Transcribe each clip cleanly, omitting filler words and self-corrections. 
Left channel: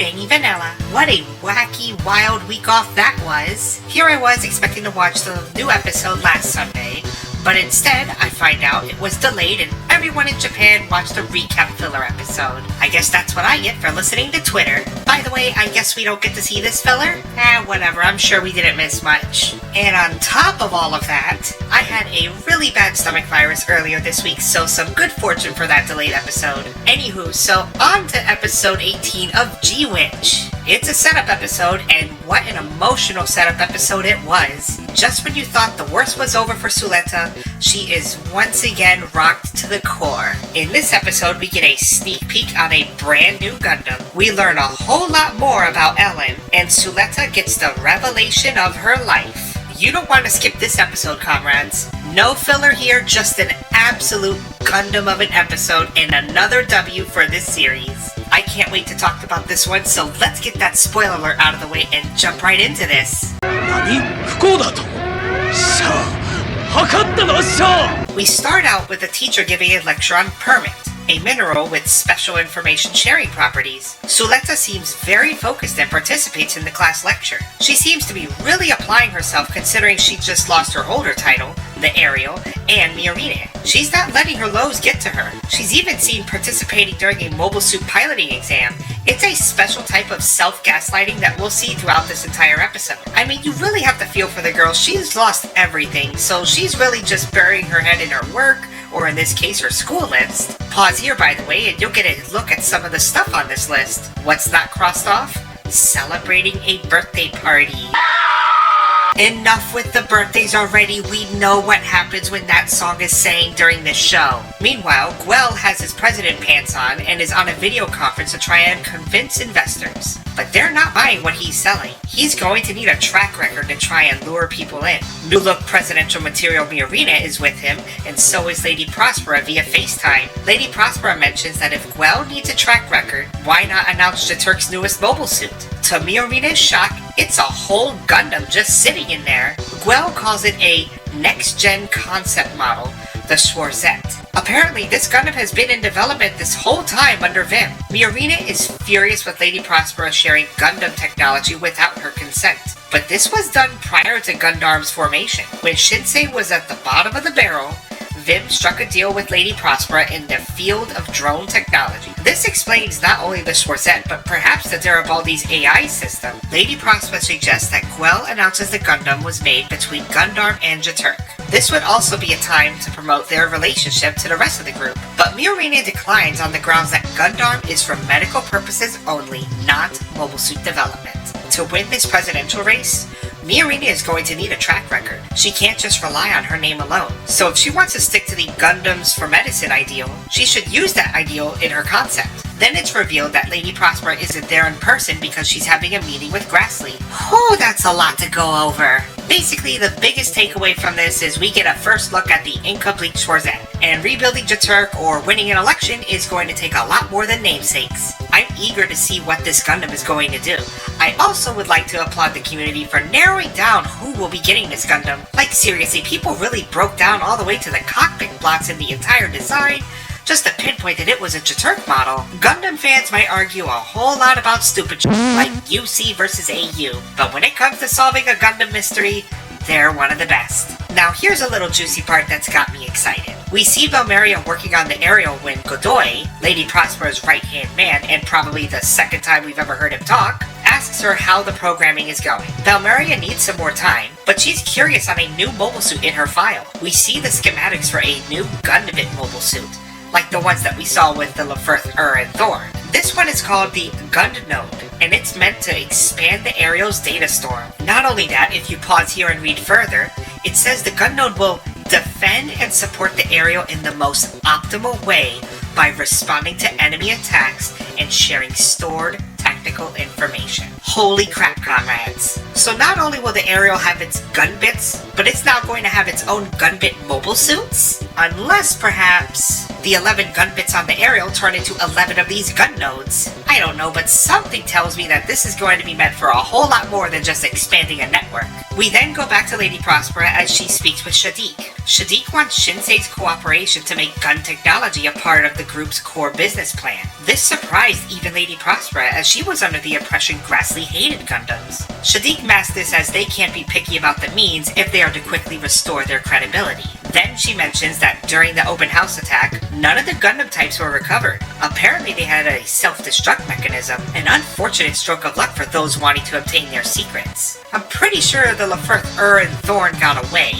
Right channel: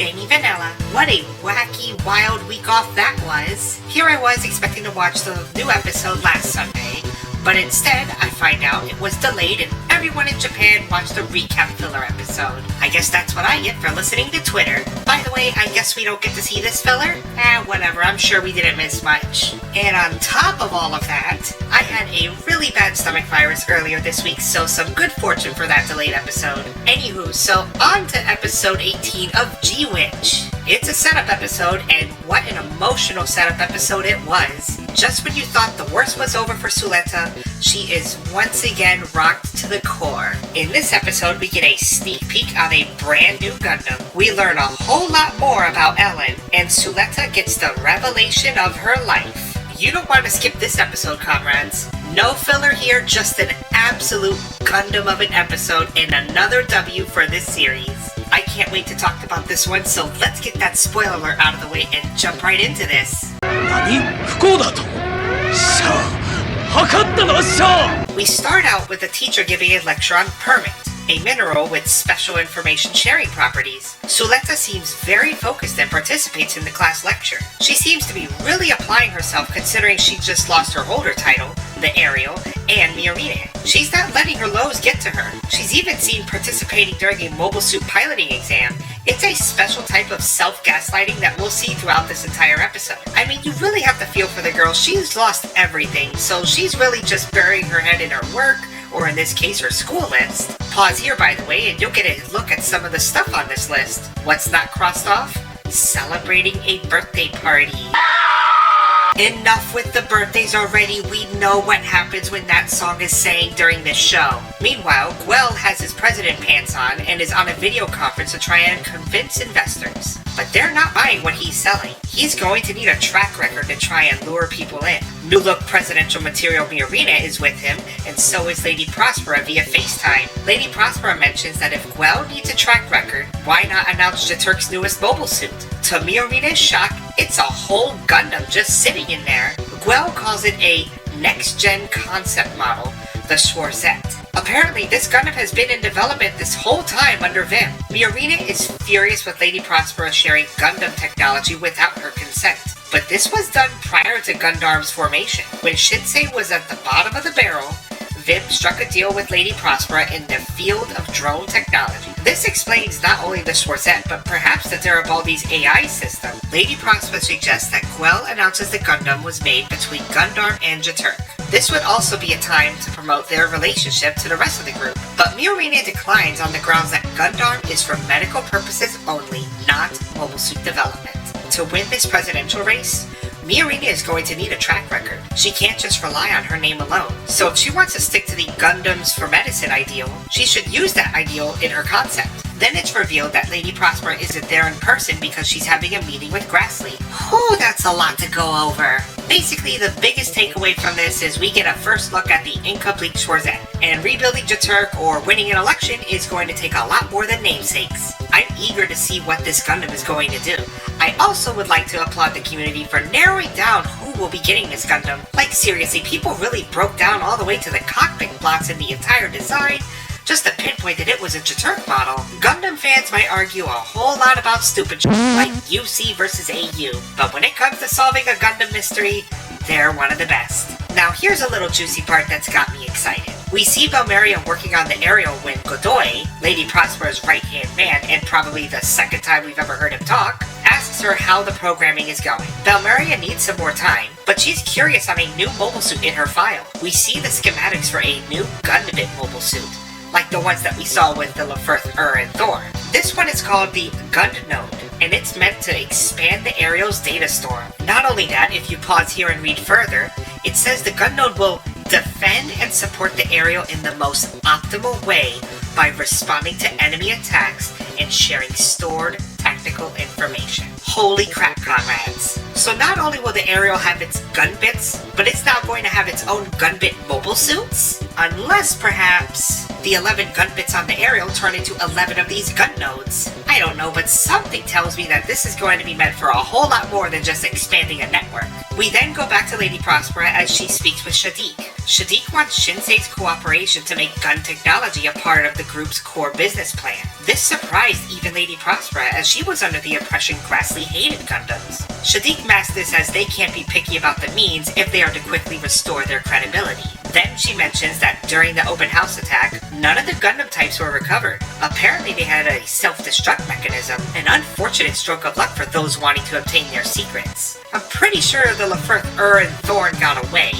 Vanny Vanilla. What a wacky, wild week off that was. Here I was expecting to watch the new episode last Sunday, but instead I find out it was delayed and everyone in Japan watched a recap filler episode. I guess that's what I get for listening to Twitter. By the way, I guess we don't get to see this filler? Whatever, I'm sure we didn't miss much. And on top of all of that, I had a really bad stomach virus earlier this week, so some good fortune for that delayed episode. Anywho, so on to episode 18 of G-Witch. It's a setup episode, and what an emotional setup episode it was. Just when you thought the worst was over for Suletta, she is once again rocked to the core. In this episode, we get a sneak peek of a brand new Gundam. We learn a whole lot more about Ellen, and Suletta gets the revelation of her life. You don't want to skip this episode, comrades. No filler here, just an absolute Gundam of an episode and another W for this series. I can't wait to talk about this one, so let's get that spoiler alert out of the way and jump right into this. We start out with a teacher giving a lecture on permit, a mineral with special information sharing properties. Suletta seems very focused and participates in the class lecture. She seems to be really applying herself considering she just lost her older title, the Aerial, and Miorine. She's not letting her lows get to her. She's even seen participating during a mobile suit piloting exam. It's a special type of self-gaslighting that we'll see throughout this entire episode. I mean, you really have to feel for the girl. She's lost everything, so she's really just burying her head in her work, or in this case, her school list. Pause here, by the way, and you'll get a look at some of the stuff on this list. What's not crossed off? Celebrating a birthday party. Enough with the birthdays already. We know what happens when that song is sang during this show. Meanwhile, Gwell has his president pants on and is on a video conference to try and convince investors. But they're not buying what he's selling. He's going to need a track record to try and lure people in. New look presidential material Miorine is with him, and so is Lady Prospera via FaceTime. Lady Prospera mentions that if Gwell needs a track record, why not announce Jaturk's newest mobile suit? To Miorine's shock, it's a whole Gundam just sitting in there. Gwell calls it a next-gen concept model, the Schwarzette. Apparently, this Gundam has been in development this whole time under Vim. Miorine is furious with Lady Prospera sharing Gundam technology without her consent. But this was done prior to Gundam's formation. When Shinsei was at the bottom of the barrel, Vim struck a deal with Lady Prospera in the field of drone technology. This explains not only the Schwarzette, but perhaps the Garibaldi's AI system. Lady Prospera suggests that Gwell announces the Gundam was made between Gundam and Jaturk. This would also be a time to promote their relationship to the rest of the group. But Miorine declines on the grounds that Gundam is for medical purposes only, not mobile suit development. To win this presidential race, Miorine is going to need a track record. She can't just rely on her name alone. So if she wants to stick to the Gundams for medicine ideal, she should use that ideal in her concept. Then it's revealed that Lady Prospera isn't there in person because she's having a meeting with Grassley. Oh, that's a lot to go over. Basically, the biggest takeaway from this is we get a first look at the incomplete Schwarzette. And rebuilding Jaturk or winning an election is going to take a lot more than namesakes. I'm eager to see what this Gundam is going to do. I also would like to applaud the community for narrowing down who will be getting this Gundam. Like seriously, people really broke down all the way to the cockpit blocks in the entire design just to pinpoint that it was a Jaturk model. Gundam fans might argue a whole lot about stupid shit like UC versus AU, but when it comes to solving a Gundam mystery, they're one of the best. Now here's a little juicy part that's got me excited. We see Valmeria working on the aerial when Godoy, Lady Prospera's right-hand man, and probably the second time we've ever heard him talk, asks her how the programming is going. Valmeria needs some more time, but she's curious on a new mobile suit in her file. We see the schematics for a new Gundam mobile suit, like the ones that we saw with the Lefirth, and Thor. This one is called the Gund Node, and it's meant to expand the Aerial's data store. Not only that, if you pause here and read further, it says the Gund Node will defend and support the Aerial in the most optimal way by responding to enemy attacks and sharing stored tactical information. Holy crap, comrades. So not only will the Aerial have its gun bits, but it's now going to have its own gun bit mobile suits? Unless perhaps The 11 gun bits on the aerial turn into 11 of these gun nodes. I don't know, but something tells me that this is going to be meant for a whole lot more than just expanding a network. We then go back to Lady Prospera as she speaks with Shadiq. Shadiq wants Shinsei's cooperation to make gun technology a part of the group's core business plan. This surprised even Lady Prospera as she was under the impression Grassley hated Gundams. Shadiq masked this as they can't be picky about the means if they are to quickly restore their credibility. Then she mentions that during the open house attack, none of the Gundam types were recovered. Apparently they had a self-destruct mechanism, an unfortunate stroke of luck for those wanting to obtain their secrets. I'm pretty sure the Lefert, and Thorn got away,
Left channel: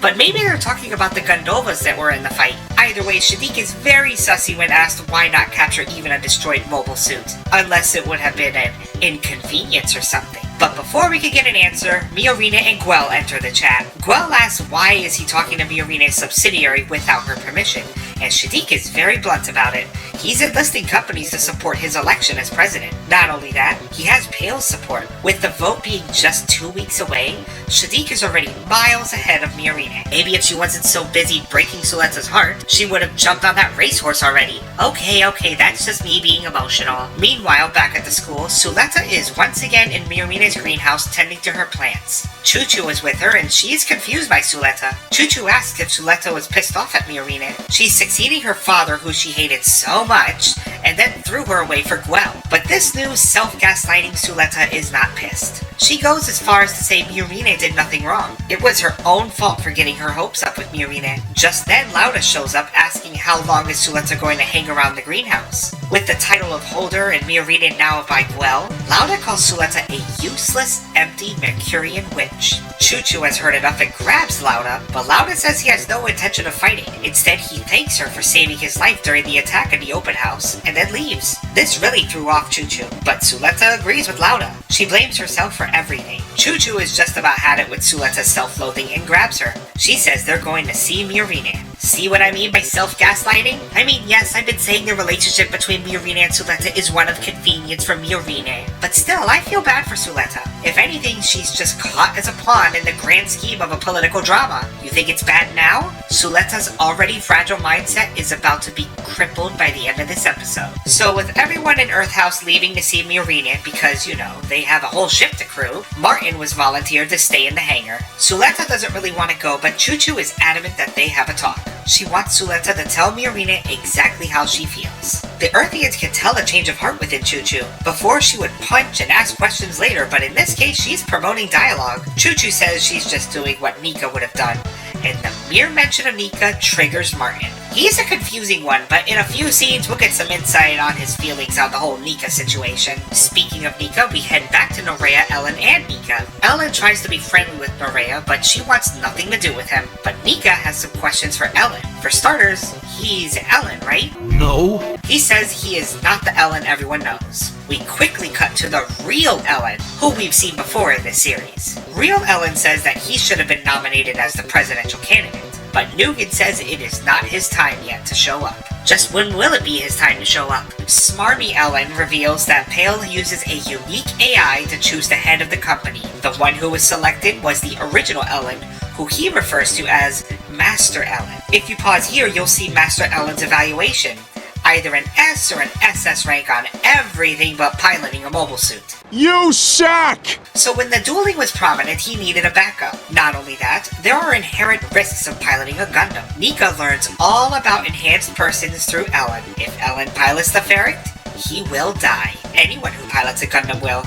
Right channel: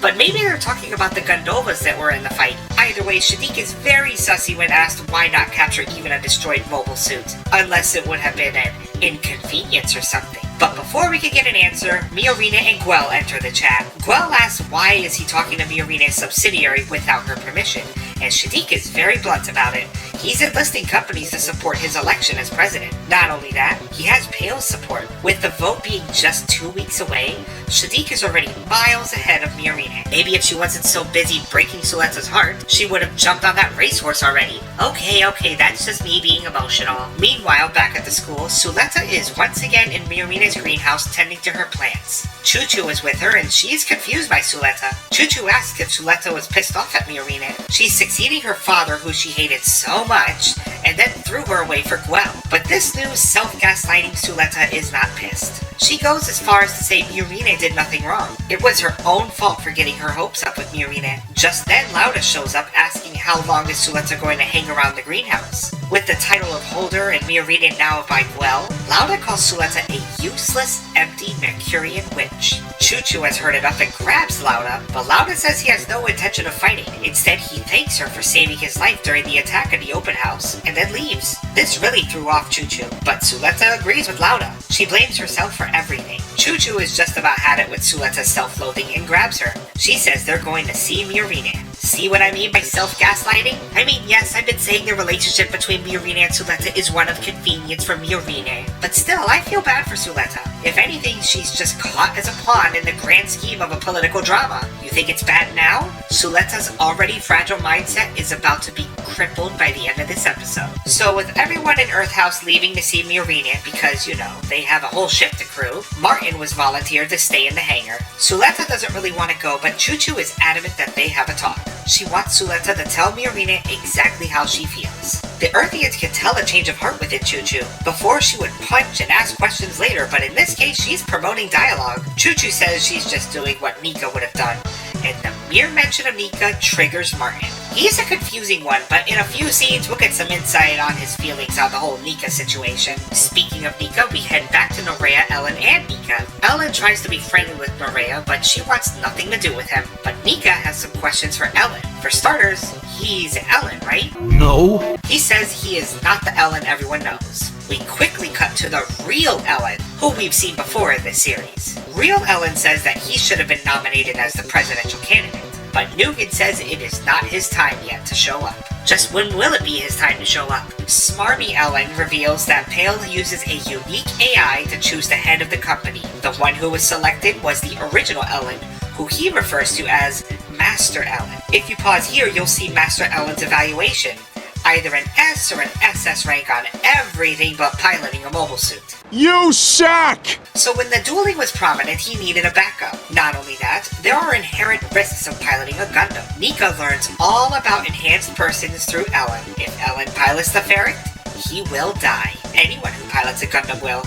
but maybe they're talking about the Gundovas that were in the fight. Either way, Shadiq is very sussy when asked why not capture even a destroyed mobile suit, unless it would have been an inconvenience or something. But before we can get an answer, Miorina and Guel enter the chat. Guel asks why is he talking to Miorina's subsidiary without her permission, and Shadiq is very blunt about it. He's enlisting companies to support his election as president. Not only that, he has Pale's support. With the vote being just 2 weeks away, Shadiq is already miles ahead of Miorina. Maybe if she wasn't so busy breaking Suleta's heart, she would have jumped on that racehorse already. Okay, that's just me being emotional. Meanwhile, back at the school, Suleta is once again in Miorina's greenhouse tending to her plants. Chuchu is with her and she is confused by Suleta. Chuchu asks if Suleta was pissed off at Miorina. She's succeeding her father, who she hated so much, and then threw her away for Guel. But this new self-gaslighting Suleta is not pissed. She goes as far as to say Miorina did nothing wrong. It was her own fault for getting her hopes up with Miorina. Just then, Lauda shows up asking how long is Suleta going to hang around the greenhouse. With the title of holder and Miorina now by Guel, Lauda calls Suleta a useless, empty Mercurian witch. Chuchu has heard enough and grabs Lauda, but Lauda says he has no intention of fighting. Instead, he thanks her for saving his life during the attack in the open house, and then leaves. This really threw off Chuchu, but Suleta agrees with Lauda. She blames herself for everything. Chuchu is just about had it with Suleta's self-loathing and grabs her. She says they're going to see Miorina. See what I mean by self-gaslighting? I mean, yes, I've been saying the relationship between Miorina and Suleta is one of convenience for Miorina, but still, I feel bad for Suleta. If anything, she's just caught as a pawn in the grand scheme of a political drama. You think it's bad now? Suleta's already fragile mindset is about to be crippled by the end of this episode. So with everyone in Earth House leaving to see Miorina because, they have a whole ship to crew, Martin was volunteered to stay in the hangar. Suleta doesn't really want to go, but Chuchu is adamant that they have a talk. She wants Suleta to tell Miorina exactly how she feels. The Earthians can tell a change of heart within Chuchu. Before, she would punch and ask questions later, but in this case, she's promoting dialogue. Chuchu says she's just doing what Nika would have done, and the mere mention of Nika triggers Martin. He's a confusing one, but in a few scenes, we'll get some insight on his feelings on the whole Nika situation. Speaking of Nika, we head back to Nerea, Ellen, and Nika. Ellen tries to be friendly with Nerea, but she wants nothing to do with him. But Nika has some questions for Ellen. For starters, he's Ellen, right? No. He says he is not the Ellen everyone knows. We quickly cut to the real Ellen, who we've seen before in this series. Real Ellen says that he should have been nominated as the presidential candidate, but Nugent says it is not his time yet to show up. Just when will it be his time to show up? Smarmy Ellen reveals that Pale uses a unique AI to choose the head of the company. The one who was selected was the original Ellen, who he refers to as Master Ellen. If you pause here, you'll see Master Ellen's evaluation. Either an S or an SS rank on everything but piloting a mobile suit. You suck! So when the dueling was prominent, he needed a backup. Not only that, there are inherent risks of piloting a Gundam. Nika learns all about enhanced persons through Ellen. If Ellen pilots the ferret, he will die. Anyone who pilots a Gundam will.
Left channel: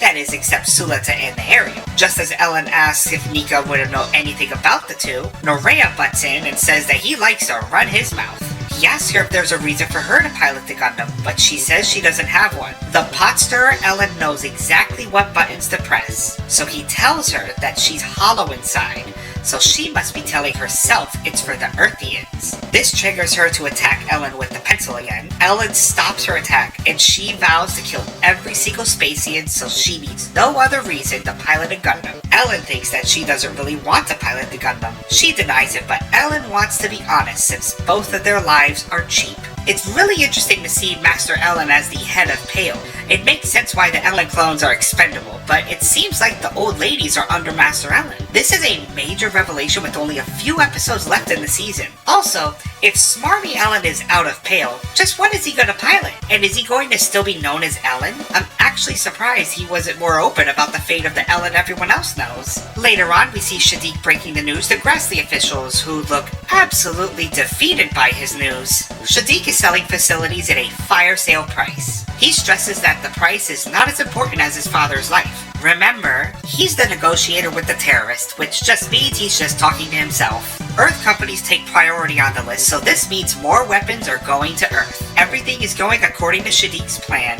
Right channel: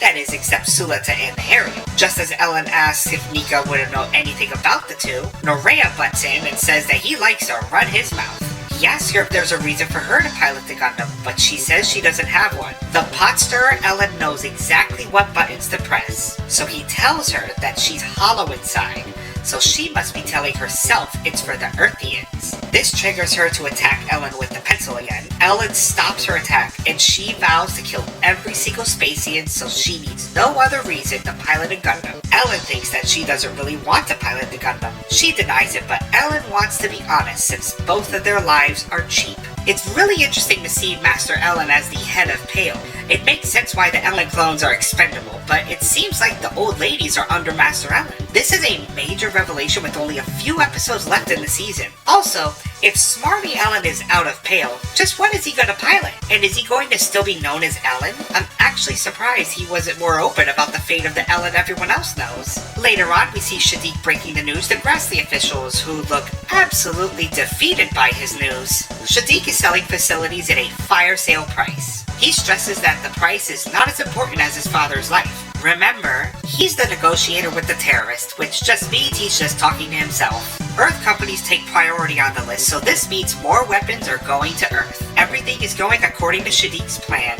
That is, except Suleta and the Ariel. Just as Ellen asks if Nika wouldn't know anything about the two, Nerea butts in and says that he likes to run his mouth. He asks her if there's a reason for her to pilot the Gundam, but she says she doesn't have one. The pot stirrer Ellen knows exactly what buttons to press, so he tells her that she's hollow inside, so she must be telling herself it's for the Earthians. This triggers her to attack Ellen with the pencil again. Ellen stops her attack, and she vows to kill every single Spacian, so she needs no other reason to pilot a Gundam. Ellen thinks that she doesn't really want to pilot the Gundam. She denies it, but Ellen wants to be honest since both of their lives are cheap. It's really interesting to see Master Ellen as the head of Pale. It makes sense why the Ellen clones are expendable, but it seems like the old ladies are under Master Ellen. This is a major revelation with only a few episodes left in the season. Also, If Smarmy Alan is out of Pale, just what is he going to pilot? And is he going to still be known as Alan? I'm actually surprised he wasn't more open about the fate of the Alan everyone else knows. Later on, we see Shadiq breaking the news to Grassley officials, who look absolutely defeated by his news. Shadiq is selling facilities at a fire sale price. He stresses that the price is not as important as his father's life. Remember, he's the negotiator with the terrorist, which just means he's just talking to himself. Earth companies take priority on the list, so this means more weapons are going to Earth. Everything is going according to Shadiq's plan.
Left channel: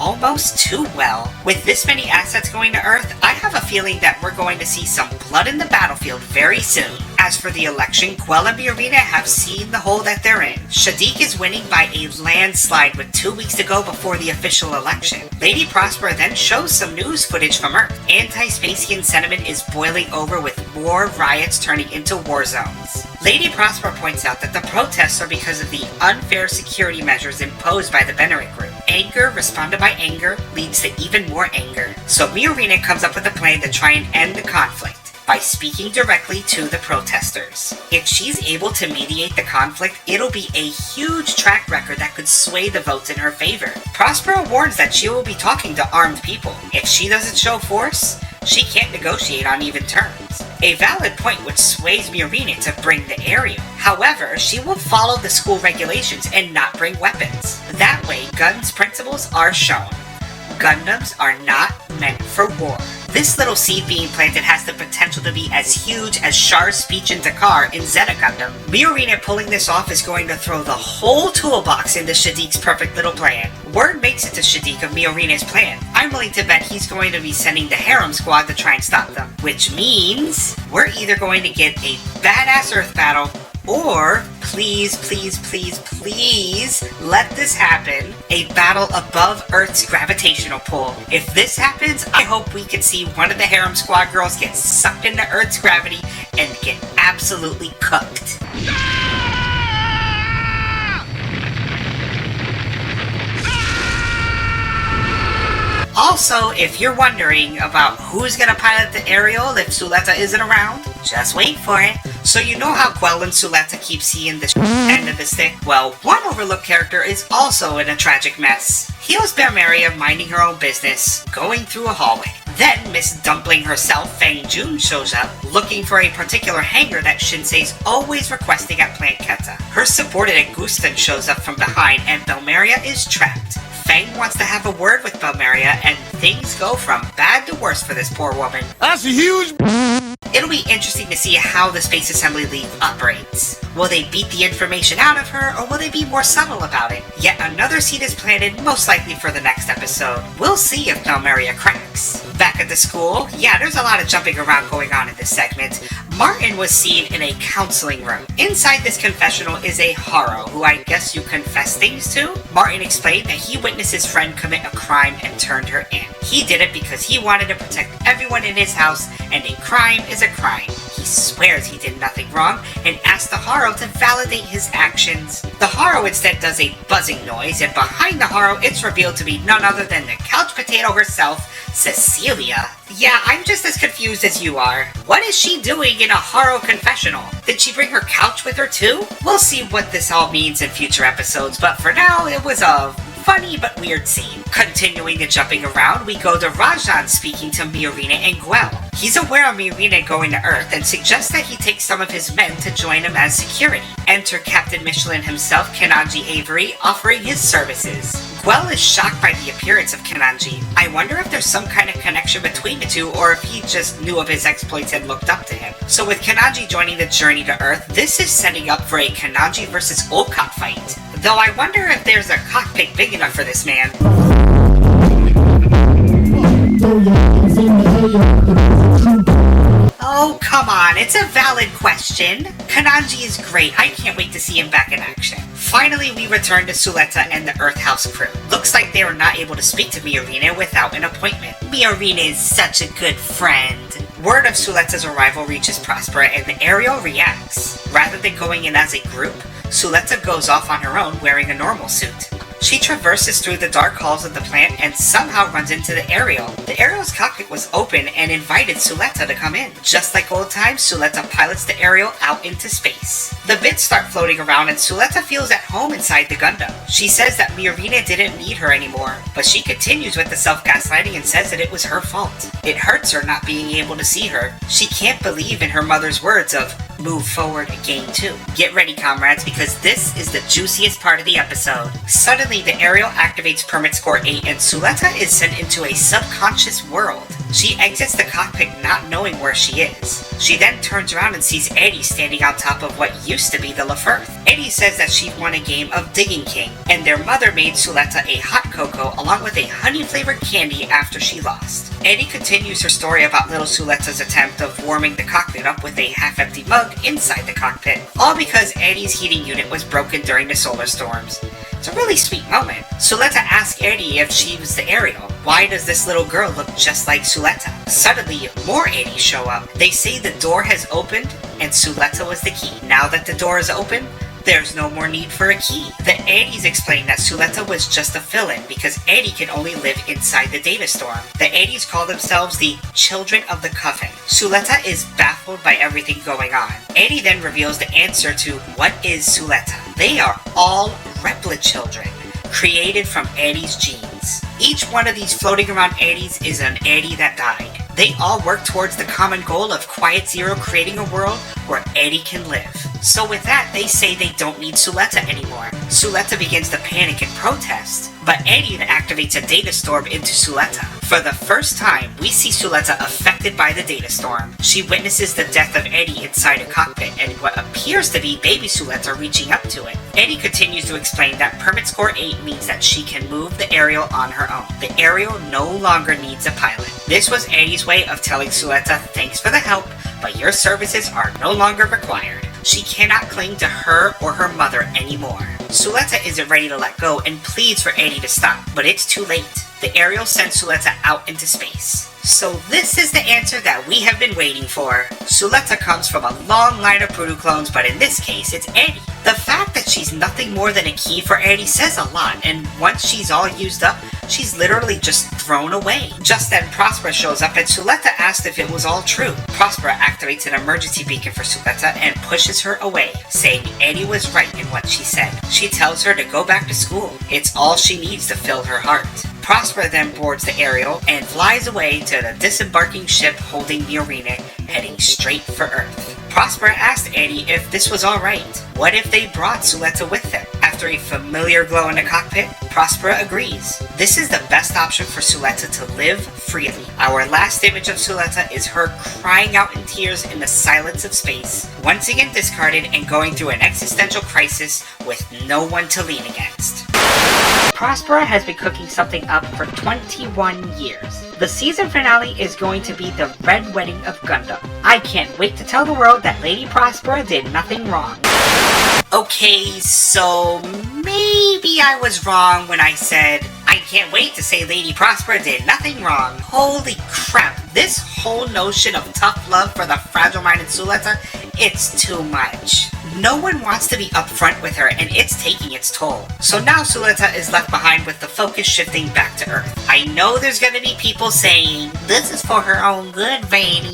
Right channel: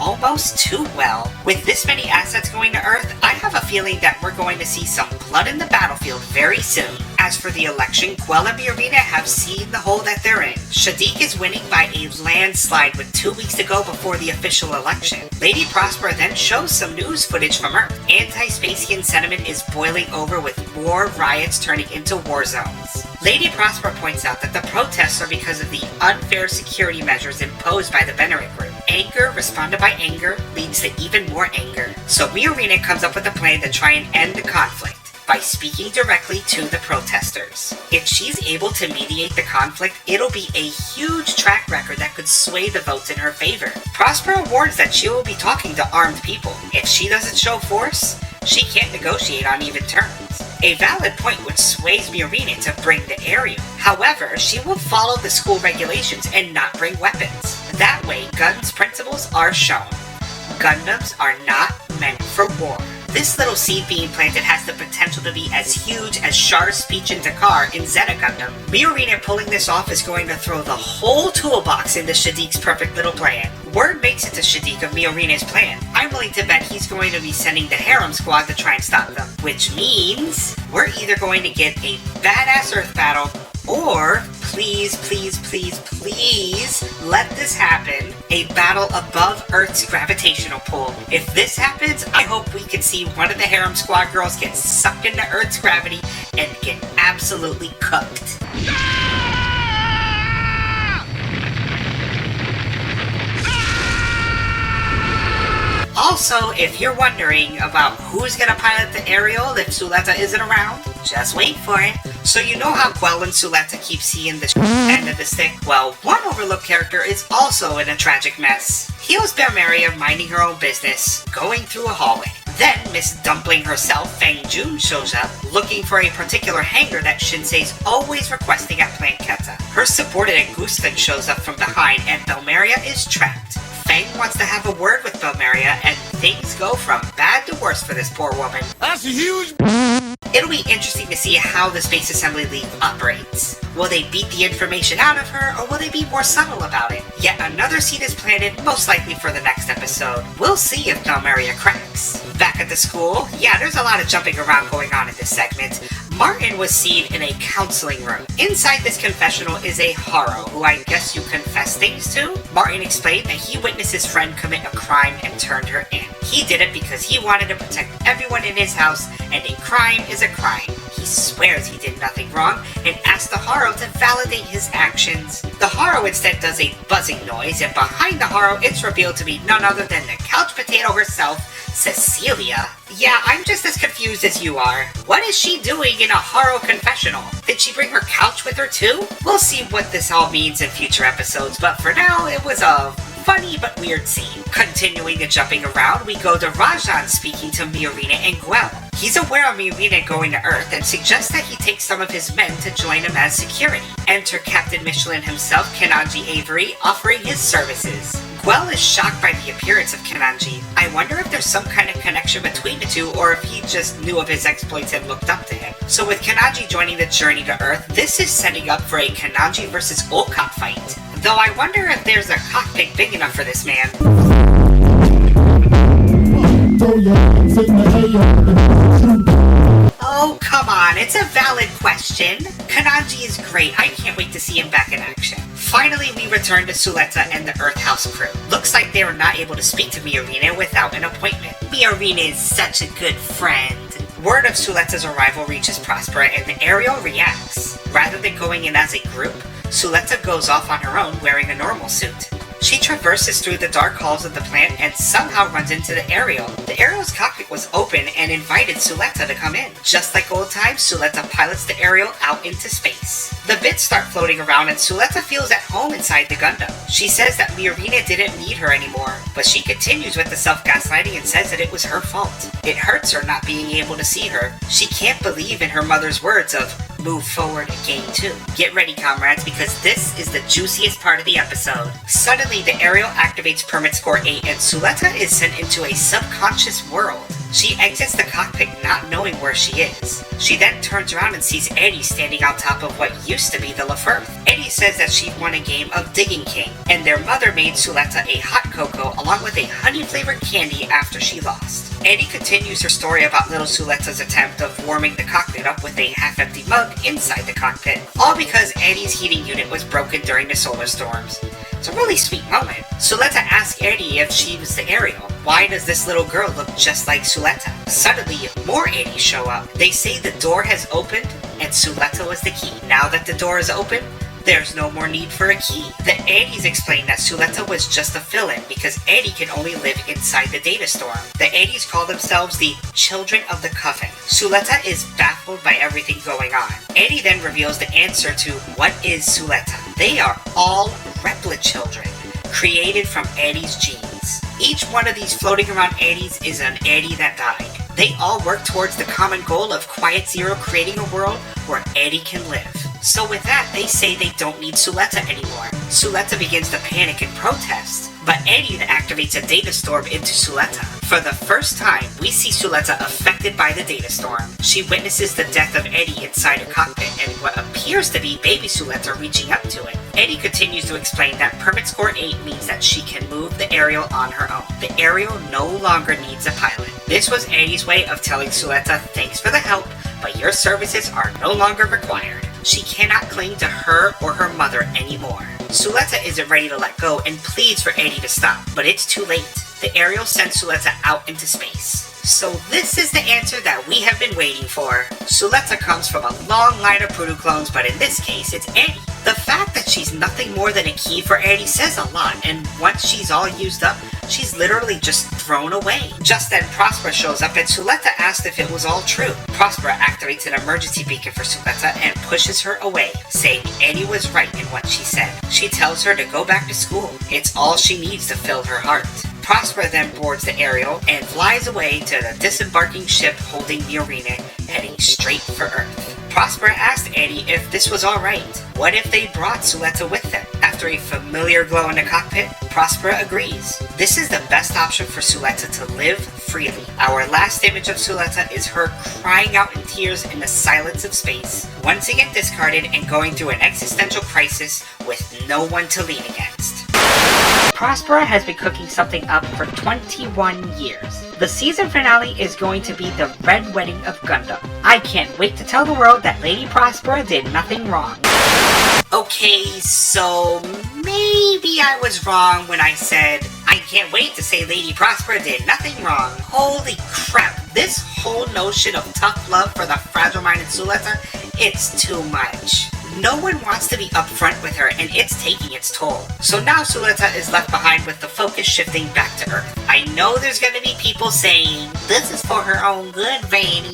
Almost too well. With this many assets going to Earth, I have a feeling that we're going to see some blood in the battlefield very soon. As for the election, Quell and Miorina have seen the hole that they're in. Shadiq is winning by a landslide with 2 weeks to go before the official election. Lady Prosper then shows some news footage from Earth. Anti-Spacian sentiment is boiling over with more riots turning into war zones. Lady Prosper points out that the protests are because of the unfair security measures imposed by the Benerit group. Anger responded by anger leads to even more anger. So Miorina comes up with a plan to try and end the conflict by speaking directly to the protesters. If she's able to mediate the conflict, it'll be a huge track record that could sway the votes in her favor. Prospero warns that she will be talking to armed people. If she doesn't show force, she can't negotiate on even terms. A valid point which sways Miorina to bring the Ariel. However, she will follow the school regulations and not bring weapons. That way, Gun's principles are shown. Gundams are not meant for war. This little seed being planted has the potential to be as huge as Char's speech in Dakar in Zeta Gundam. Miorina pulling this off is going to throw the whole toolbox into Shadiq's perfect little plan. Word makes it to Shadiq of Miorina's plan. I'm willing to bet he's going to be sending the Harem Squad to try and stop them. Which means we're either going to get a badass Earth battle, or please, please, please, please let this happen, a battle above Earth's gravitational pull. If this happens, I hope we can see one of the Harem Squad girls get sucked into Earth's gravity and get absolutely cooked. Also, if you're wondering about who's gonna pilot the Ariel if Suletta isn't around, just wait for it. So you know how Quell and Suletta keep seeing the end of the stick? Well, one overlooked character is also in a tragic mess. Here's Belmeria minding her own business, going through a hallway. Then Miss Dumpling herself, Fang Jun, shows up, looking for a particular hangar that Shinsei's always requesting at Plant Keta. Her subordinate Gustin shows up from behind and Belmeria is trapped. Fang wants to have a word with Belmeria, and things go from bad to worse for this poor woman. That's a huge. It'll be interesting to see how the Space Assembly League operates. Will they beat the information out of her, or will they be more subtle about it? Yet another scene is planned, most likely for the next episode. We'll see if Belmeria cracks. Back at the school, yeah, there's a lot of jumping around going on in this segment. Martin was seen in a counseling room. Inside this confessional is a Haro, who I guess you confess things to. Martin explained that he witnessed his friend commit a crime and turned her in. He did it because he wanted to protect everyone in his house, and a crime is a crime. He swears he did nothing wrong and asks the Haro to validate his actions. The Haro instead does a buzzing noise, and behind the Haro it's revealed to be none other than the couch potato herself, Cecilia. Yeah, I'm just as confused as you are. What is she doing in a Haro confessional? Did she bring her couch with her too? We'll see what this all means in future episodes, but for now, it was a funny but weird scene. Continuing the jumping around, we go to Rajan speaking to Miorina and Guel. He's aware of Miorina going to Earth and suggests that he take some of his men to join him as security. Enter Captain Michelin himself, Kananji Avery, offering his services. Guel is shocked by the appearance of Kananji. I wonder if there's some kind of connection between the two, or if he just knew of his exploits and looked up to him. So with Kananji joining the journey to Earth, this is setting up for a Kananji versus Olcott fight. Though I wonder if there's a cockpit big enough for this man. Oh, come on, it's a valid question. Kananji is great, I can't wait to see him back in action. Finally, we return to Suletta and the Earth House crew. Looks like they were not able to speak to Miorina without an appointment. Miorina is such a good friend. Word of Suletta's arrival reaches Prospera and the Ariel reacts. Rather than going in as a group, Suletta goes off on her own wearing a normal suit. She traverses through the dark halls of the plant and somehow runs into the Ariel. The Ariel's cockpit was open and invited Suletta to come in. Just like old times, Suletta pilots the Ariel out into space. The bits start floating around and Suletta feels at home inside the Gundam. She says that Miorina didn't need her anymore, but she continues with the self-gaslighting and says that it was her fault. It hurts her not being able to see her. She can't believe in her mother's words of, "Move forward, game 2. Get ready, comrades, because this is the juiciest part of the episode. Suddenly, the Ariel activates Permit Score 8 and Suletta is sent into a subconscious world. She exits the cockpit not knowing where she is. She then turns around and sees Eddie standing on top of what used to be the Lefert. Eddie says that she won a game of Digging King, and their mother made Suletta a hot cocoa along with a honey-flavored candy after she lost. Eddie continues her story about little Suletta's attempt of warming the cockpit up with a half-empty mug inside the cockpit, all because Eddie's heating unit was broken during the solar storms. It's a really sweet moment. Suletta asks Eddie if she was the Ariel. Why does this little girl look just like Suletta? Suddenly, more Eddies show up. They say the door has opened and Suletta was the key. Now that the door is open, there's no more need for a key. The Eddies explain that Suletta was just a fill-in because Eddie can only live inside the data storm. The Eddies call themselves the Children of the Coven. Suletta is baffled by everything going on. Eddie then reveals the answer to what is Suletta. They are all Replit children, created from Eddie's genes. Each one of these floating around Eddies is an Eddie that died. They all work towards the common goal of Quiet Zero creating a world where Eddie can live. So with that, they say they don't need Suletta anymore. Suletta begins to panic and protest, but Eddie activates a data storm into Suletta. For the first time, we see Suletta affected by the data storm. She witnesses the death of Eddie inside a cockpit and what appears to be baby Suletta reaching up to it. Eddie continues to explain that Permit Score 8 means that she can move the Ariel on her own. The Ariel no longer needs a pilot. This was Eddie's way of telling Suletta, thanks for the help, but your services are no longer required. She cannot cling to her or her mother anymore. Suletta isn't ready to let go and pleads for Eddie to stop, but it's too late. The Ariel sends Suletta out into space. So this is the answer that we have been waiting for. Suletta comes from a long line of Prudu clones, but in this case, it's Eddie. The fact that she's nothing more than a key for Eddie says a lot, and once she's all used up, she's literally just thrown away. Just then, Prospera shows up and Suletta asks if it was all true. Prospera activates an emergency beacon for Suletta and pushes her away, saying Eddie was right in what she said. She tells her to go back to school. It's all she needs to fill her heart. Prospera then boards the Ariel and flies away to the disembarking ship holding Miorina, heading straight for Earth. Prospera asked Eddie if this was alright. What if they brought Suletta with them? After a familiar glow in the cockpit, Prospera agrees. This is the best option for Suletta to live freely. Our last image of Suletta is her crying out in tears in the silence of space, once again discarded and going through an existential crisis with no one to lean against. Prospera has been cooking something up for 21 years. The season finale is going to be the Red Wedding of Gundam. I can't wait to tell the world that Lady Prospera did nothing wrong. Okay, so maybe I was wrong when I said I can't wait to say Lady Prospera did nothing wrong. Holy crap, this whole notion of tough love for the fragile-minded Suletta, it's too much. No one wants to be upfront with her, and it's taking its toll. So now Suletta is left behind with the focus shifting back to Earth. I know there's gonna be people saying, this is for her own good, Vanny.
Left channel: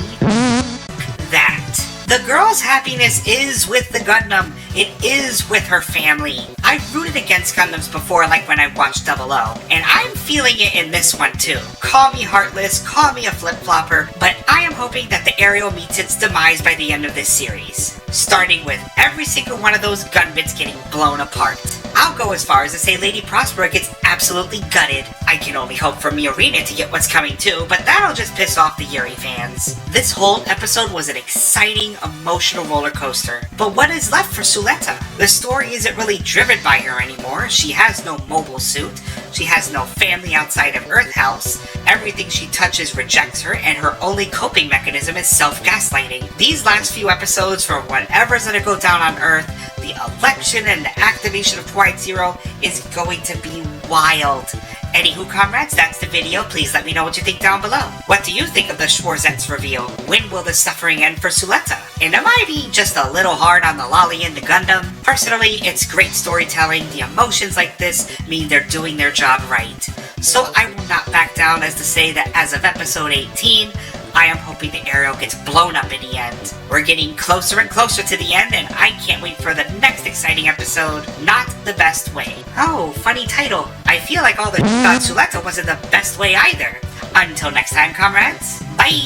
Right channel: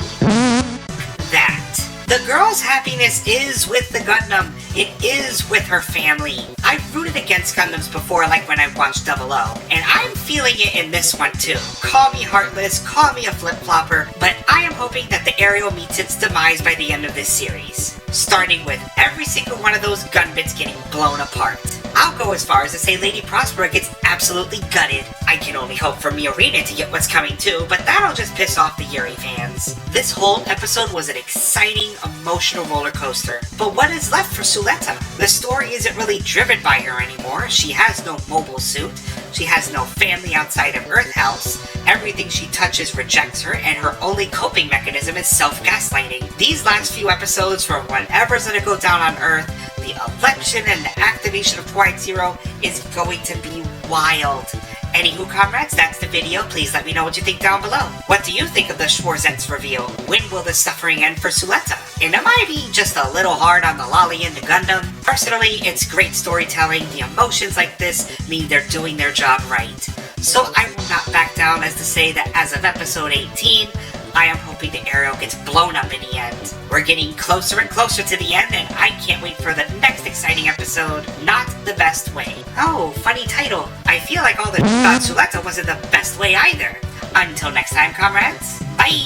That. The girl's happiness is with the Gundam. It is with her family. I've rooted against Gundams before, like when I watched 00, and I'm feeling it in this one too. Call me heartless, call me a flip-flopper, but I am hoping that the Ariel meets its demise by the end of this series. Starting with every single one of those gun bits getting blown apart. I'll go as far as to say Lady Prospera gets absolutely gutted. I can only hope for Miorina to get what's coming too, but that'll just piss off the Yuri fans. This whole episode was an exciting, emotional roller coaster. But what is left for Suletta? The story isn't really driven by her anymore. She has no mobile suit. She has no family outside of Earth House. Everything she touches rejects her, and her only coping mechanism is self-gaslighting. These last few episodes, from whatever's gonna go down on Earth, the election and the activation of Quiet Zero, is going to be wild. Anywho, comrades, that's the video. Please let me know what you think down below. What do you think of the Schwarzets reveal? When will the suffering end for Suletta? And am I being just a little hard on the lolly in the Gundam? Personally, it's great storytelling. The emotions like this mean they're doing their job right. So I will not back down as to say that as of episode 18, I am hoping the Ariel gets blown up in the end. We're getting closer and closer to the end, and I can't wait for the next exciting episode, Not the Best Way. Oh, funny title. I feel like all the about Suletta wasn't the best way either. Until next time, comrades. Bye!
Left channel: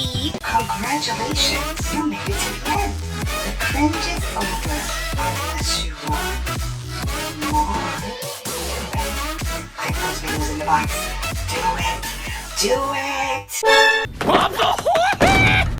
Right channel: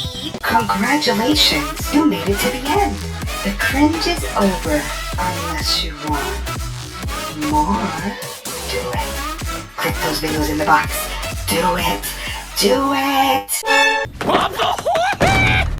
Congratulations, you made it to the end. The cringe is over, unless you want more. Do it. Click those videos in the box. Do it. Do it. What the